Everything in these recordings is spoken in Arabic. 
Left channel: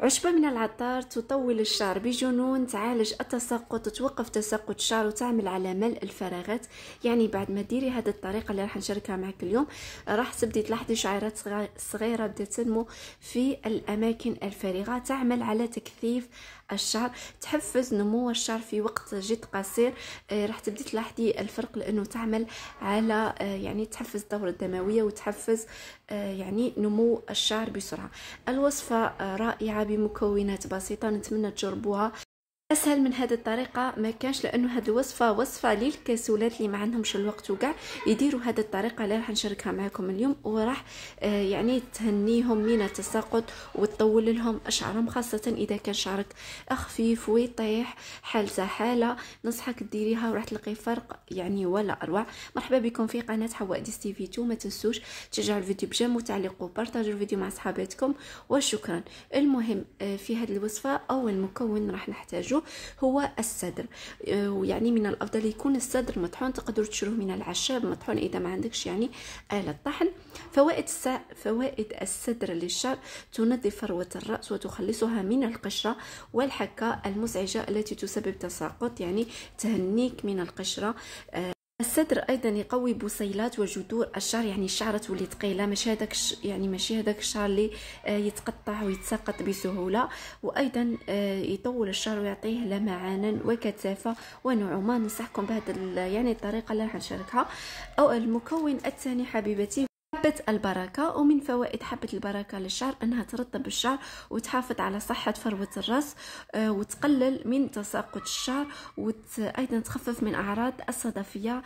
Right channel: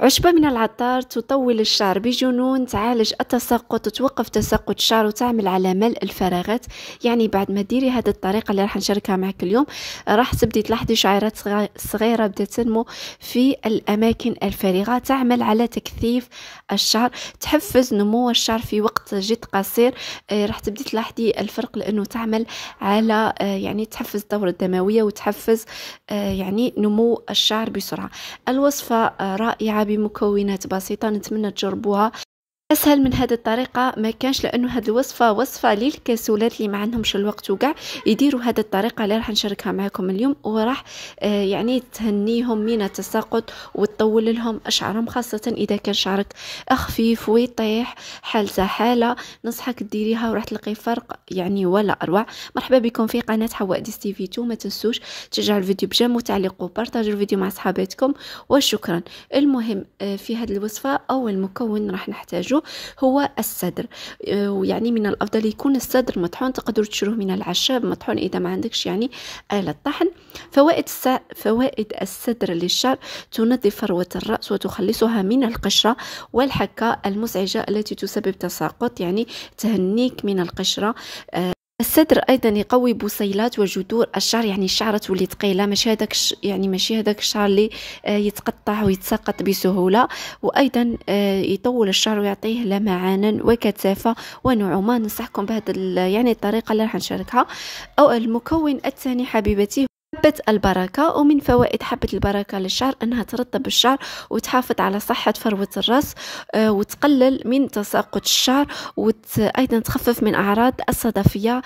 عشبة من العطار تطول الشعر بجنون، تعالج التساقط، توقف تساقط الشعر وتعمل على ملء الفراغات. يعني بعد ما ديري هذه الطريقة اللي راح نشاركها معك اليوم، راح تبدي تلاحظي شعيرات صغيرة بدات تنمو في الأماكن الفارغة، تعمل على تكثيف الشعر، تحفز نمو الشعر في وقت جد قصير. راح تبدي تلاحظي الفرق، لأنه تعمل على يعني تحفز الدورة الدموية وتحفز يعني نمو الشعر بسرعة. الوصفة رائعة بمكونات بسيطة، نتمنى تجربوها. اسهل من هذه الطريقه ما كانش، لانه هذه الوصفه وصفه للكسولات اللي ما عندهمش الوقت وكاع يديروا هذه الطريقه اللي راح نشاركها معكم اليوم، وراح يعني تهنيهم من التساقط وتطول لهم شعرهم، خاصه اذا كان شعرك خفيف ويطيح حالته حاله. ننصحك ديريها وراح تلقي فرق يعني ولا اروع. مرحبا بكم في قناه حواء ديس تي في 2. ما تنسوش تشجعوا الفيديو بجيم وتعليقوا وبارطاجوا الفيديو مع صحاباتكم، وشكرا. المهم في هذه الوصفه اول مكون راح نحتاجه هو الصدر، ويعني من الافضل يكون الصدر مطحون، تقدروا تشروه من العشاب مطحون اذا ما عندكش يعني آلة طحن. فوائد الصدر للشعر: تنظف فروة الرأس وتخلصها من القشرة والحكة المزعجة التي تسبب تساقط، يعني تهنيك من القشرة. الصدر ايضا يقوي بصيلات وجذور الشعر، يعني الشعر تولي ثقيله، ماشي هذاك يعني ماشي هذاك الشعر اللي يتقطع ويتساقط بسهوله. وايضا يطول الشعر ويعطيه لمعانا وكثافه ونعومه. ننصحكم بهذه يعني الطريقه اللي راح نشاركها. او المكون الثاني حبيبتي حبة البركة. ومن فوائد حبة البركة للشعر أنها ترطب الشعر وتحافظ على صحة فروة الرأس، وتقلل من تساقط الشعر، وأيضا تخفف من أعراض الصدفية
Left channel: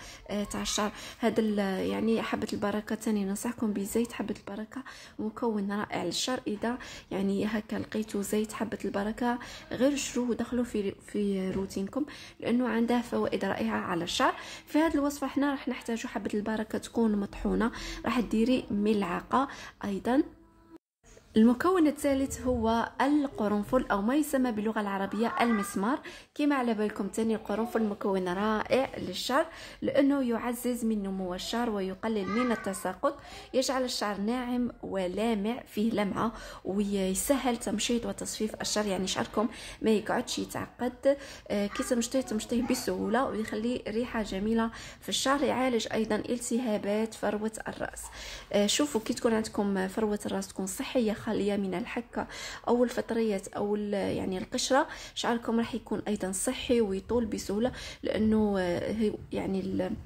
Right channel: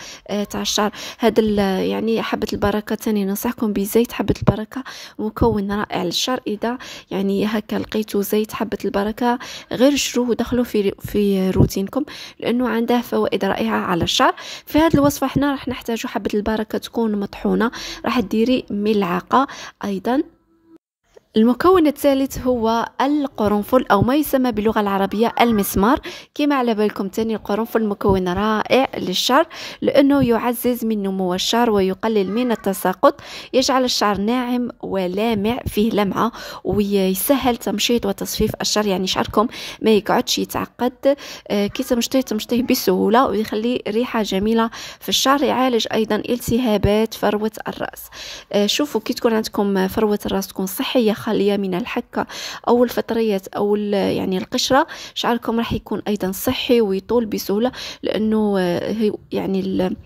تاع الشعر. هذا يعني حبة البركة تاني ننصحكم بزيت حبة البركة، مكون رائع للشعر. إذا يعني هكا لقيتوا زيت حبة البركة غير شروه ودخلوا في روتينكم، لأنه عنده فوائد رائعة على الشعر. في هذه الوصفة احنا راح نحتاجوا حبة البركة تكون مطحونة، راح ديري ملعقة أيضا. المكون الثالث هو القرنفل، او ما يسمى باللغه العربيه المسمار. كما على بالكم تاني القرنفل مكون رائع للشعر، لانه يعزز من نمو الشعر ويقلل من التساقط، يجعل الشعر ناعم ولامع فيه لمعه، ويسهل تمشيط وتصفيف الشعر، يعني شعركم ما يقعدش يتعقد، كي تمشطيه بسهوله، ويخلي ريحه جميله في الشعر. يعالج ايضا التهابات فروه الراس. شوفوا كي تكون عندكم فروه الراس تكون صحيه خالية من الحكة أو الفطريات أو يعني القشرة، شعركم راح يكون أيضا صحي ويطول بسهولة، لأنه يعني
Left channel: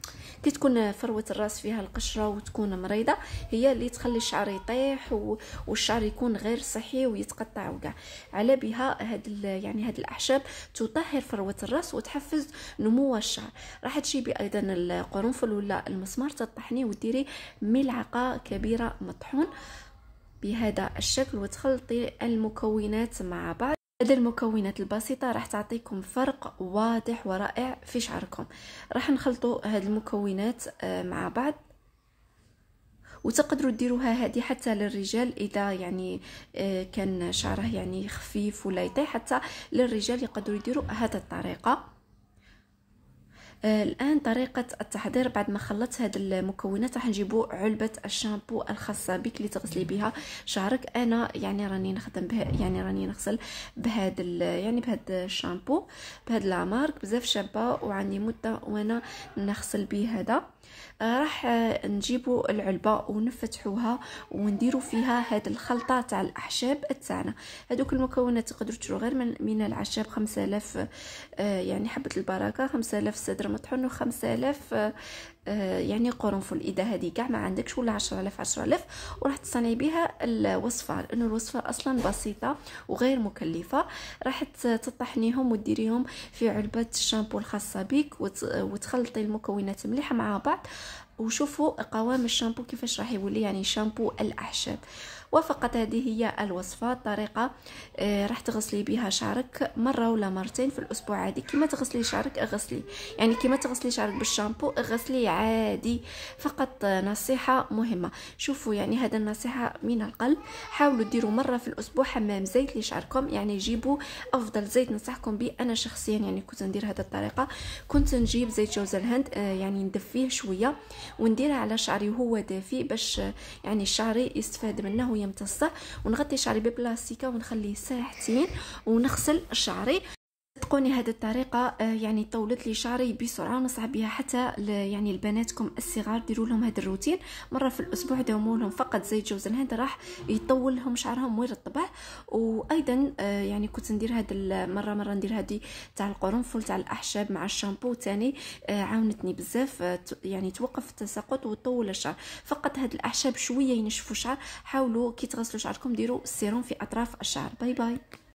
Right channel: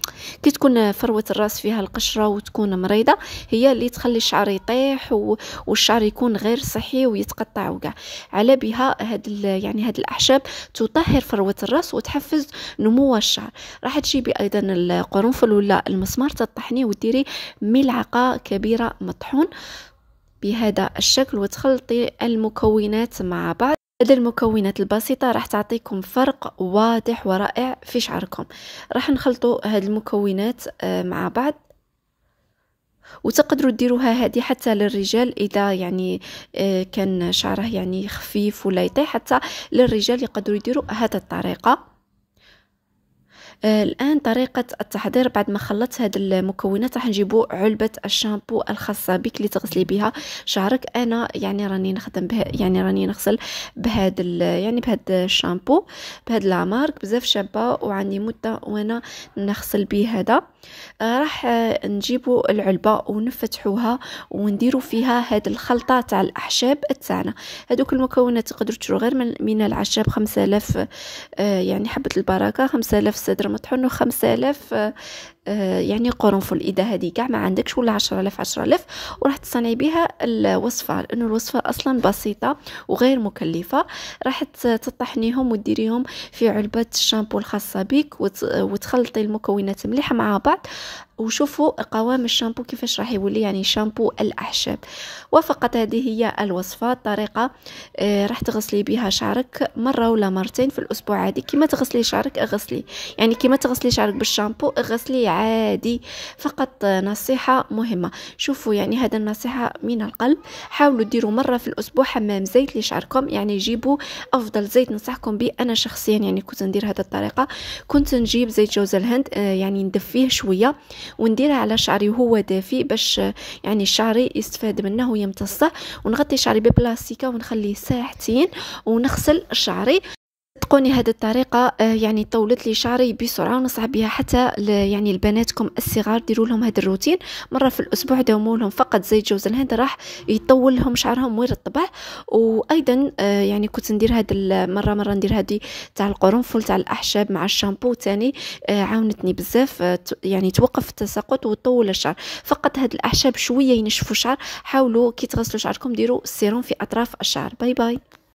كي تكون فروة الرأس فيها القشرة وتكون مريضة، هي اللي تخلي الشعر يطيح والشعر يكون غير صحي ويتقطع وكاع. على بها يعني هاد الأعشاب تطهر فروة الرأس وتحفز نمو الشعر. راح تجيبي أيضا القرنفل ولا المسمار، تطحنيه وديري ملعقة كبيرة مطحون بهذا الشكل، وتخلطي المكونات مع بعض. هذه المكونات البسيطة راح تعطيكم فرق واضح ورائع في شعركم. راح نخلطوا هذه المكونات مع بعض، وتقدروا ديروها هذه حتى للرجال إذا يعني كان شعره يعني خفيف ولا يطيح. حتى للرجال يقدروا يديروا هذه الطريقة. الآن طريقة التحضير: بعد ما خلطت هذه المكونات راح نجيبوا علبة الشامبو الخاصة بك اللي تغسلي بها شعرك. أنا يعني راني نخدم به، يعني راني نغسل بهذا يعني بهذا الشامبو بهذا لامارك بزاف شابة، وعندي مدة وانا نغسل به هذا. راح نجيبوا العلبة ونفتحوها ونديروا فيها هذه الخلطة تاع الأعشاب تاعنا. هذوك المكونات تقدروا تشرو غير من العشاب: 5000 يعني حبة البركة، 5000 صدر مطحون، و5000 يعني قرنفل اذا هذه كاع ما عندكش، ولا 10000 وراح تصنعي بها الوصفه، لانه الوصفه اصلا بسيطه وغير مكلفه. راح تطحنيهم وديريهم في علبه الشامبو الخاصه بك، وتخلطي المكونات مليحه مع بعض. وشوفوا قوام الشامبو كيفاش راح يولي، يعني شامبو الاعشاب. وفقط هذه هي الوصفه. طريقه راح تغسلي بها شعرك مره ولا مرتين في الاسبوع عادي. كيما تغسلي شعرك اغسلي، يعني كيما تغسلي شعرك بالشامبو اغسلي عادي. فقط نصيحه مهمه، شوفوا يعني هذا النصيحه من القلب، حاولوا ديروا مره في الاسبوع حمام زيت لشعركم. يعني جيبوا افضل زيت ننصحكم به. انا شخصيا يعني كنت ندير هذه الطريقه، كنت نجيب زيت جوز الهند، يعني ندفيه شويه ونديرها على شعري وهو دافي باش يعني شعري يستفاد منه ويمتصه. ونغطي شعري ببلاستيكه ونخليه ساعتين ونغسل شعري. صدقوني هذه الطريقة يعني طولت لي شعري بسرعة، ونصعب بها حتى يعني البناتكم الصغار. ديروا لهم هذا الروتين مرة في الأسبوع، داوموا لهم فقط زيت جوز الهند راح يطول لهم شعرهم ويرطبه. وأيضا يعني كنت ندير هذا مرة ندير هذه تاع القرنفل تاع الأحشاب مع الشامبو تاني، عاونتني بزاف يعني توقف التساقط وطول الشعر. فقط هذه الأحشاب شوية ينشفوا الشعر. حاولوا كي تغسلوا شعركم ديروا السيروم في أطراف الشعر. باي باي.